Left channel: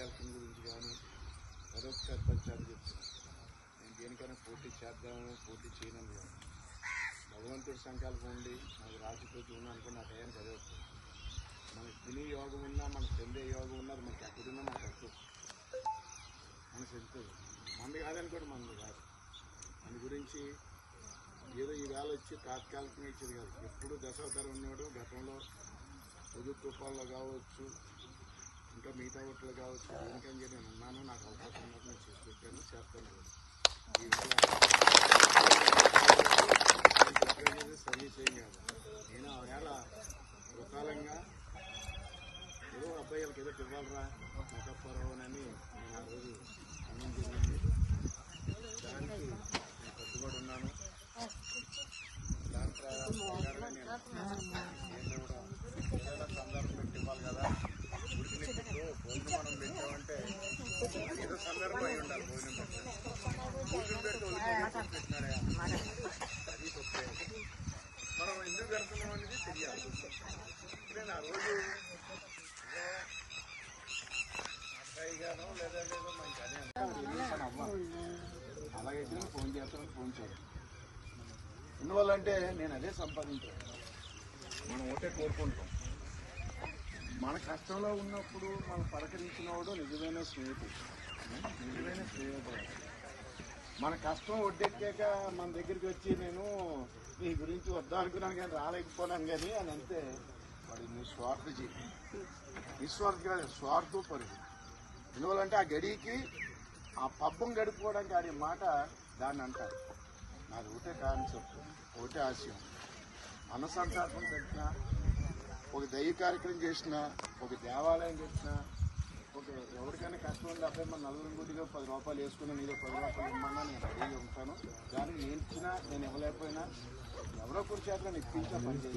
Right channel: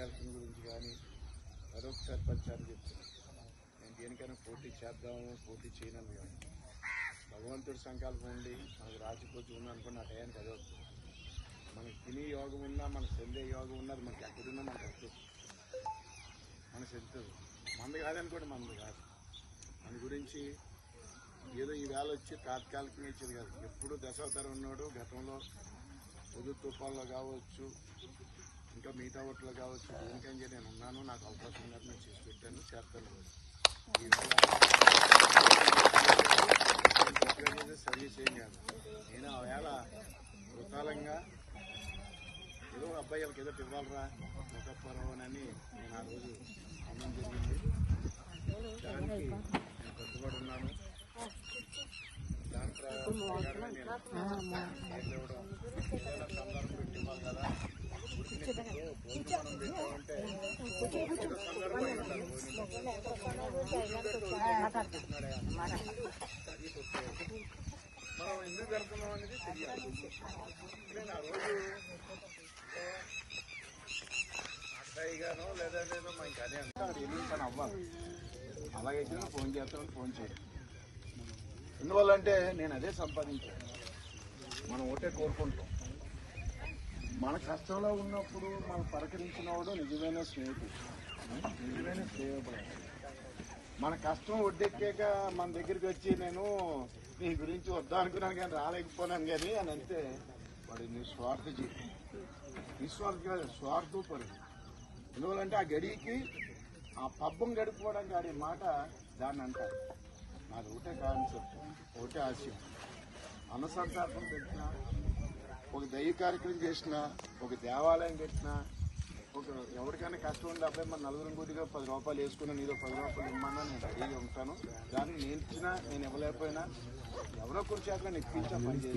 Election గురించి కానీ మరొకసారి పరిచయం చెప్తున్నాను. నేను దేనికైనా పోటీ చేద్దాము, పోటీ చేయనని కాదు. భగవంతుడి సంకల్పం ఉండి మనకు రాసిపోతూ ఉంది అనుకుని ఆ టయానికి అదే వస్తుంది. మనకు తినే యోగం ఉన్నా, మనకు చెందే యోగం ఉన్నది మనకి ఎక్కడున్నా మనకు వస్తుంది, మనకు చెందుతుంది. మంది కాదనుకోండి, మంది కాదు. మన గురించి ఏదో ఈ వేళ వచ్చి తాత్కాలికంగా ఇచ్చేది కాదు. ఎప్పుడు దశావతారం ఉన్నాడు. గతంలో పొద్దు తుఫాన్లో కావచ్చు, ఇంకా మిగతా ఓట్లు కావచ్చు, దేనికని నేను అన్నాను. నాకు అవకాశం ఉన్నది, నేను చేసి పెట్టాను, చేస్తాను కూడా. ఈవేళ సరి చేయం కాదు. నేను ఆ వేళ వృతాలంగా ఏదో అబ్బాయిలకి ఏదో ఇవ్వాలరా ముఖపరవనని నేను ఆ రోజు అన్నం జరిగింది. దానికి నేను కట్టుబడి ఉన్నాను. దాని ప్రకారంగా నేను ఇవ్వడం ఏదైనా సందర్భం పెట్టి ఇవ్వాలి కదా. ఉడికిన పెట్టు భోజనం మనం పెట్టామంటే ఏదో సందర్భం అయి ఉండాలి. భోజనం పెట్టాలి, భోజనం పెడితే ఉడికి పెట్టినాడే అది తొక్కే. మనం ఎందుకు జరుపుకున్నాం అనేది తెలియాలి. నేను ఆ రోజు నాటకాయిగానో లేదంటే మా ఇంకా అదే అంటే అక్కడ ఎన్ని పని అవ్వాలి. అలాగైతే నేను ఫోన్ చేస్తాను, ఫోన్ చేయాలి. ఎందువల్లంటే నేను అదే సంపాదించాను. మనం ఒకటే కోరుకుంటాం. మన కష్టంలో ఉన్నప్పుడు మనం పలకరించినప్పుడు నిజమైన స్నేహితుడు, నిజమైన స్నేహితుడు. మన కష్టం ఒడ్డెక్కాక మన దగ్గరికి వచ్చి నేను నీ గురించి వద్దా అనుకున్నాను కానీ రాలేకపోయినాను కానీ అని అంటే వాడు నిస్వార్థి, నిస్వార్థి కాదు స్వార్థపరుడు. ఎందువల్లంటే ఆ గడికి ఆ పబ్బం గడుపుకోవడానికి ఆడే మాట దాన్ని అంటారు. నాది ఒకటే కాన్సెప్ట్, ఒకటే ఆశయం. అన్నసంతర్పణ పెట్టినా, ఒక దైవ కార్యక్రమం చేసినా, ఒక దేవాలయం పెట్టినా, ఒక ఎవరికైనా కష్టం ఉంది అబ్బాయి మన నలుగురు గుడిగా 10 రూపాయలు వేసుకుని నీదో 10 రూపాయలు ఇమ్మన్నా నేను రెడీగా ఉంటాను. దానికి నేను ఇచ్చినా, నేను ఇవ్వలేకపోయినా ఎవరో ఒకరి చేత నేను ఇప్పించా పని చేయాలి.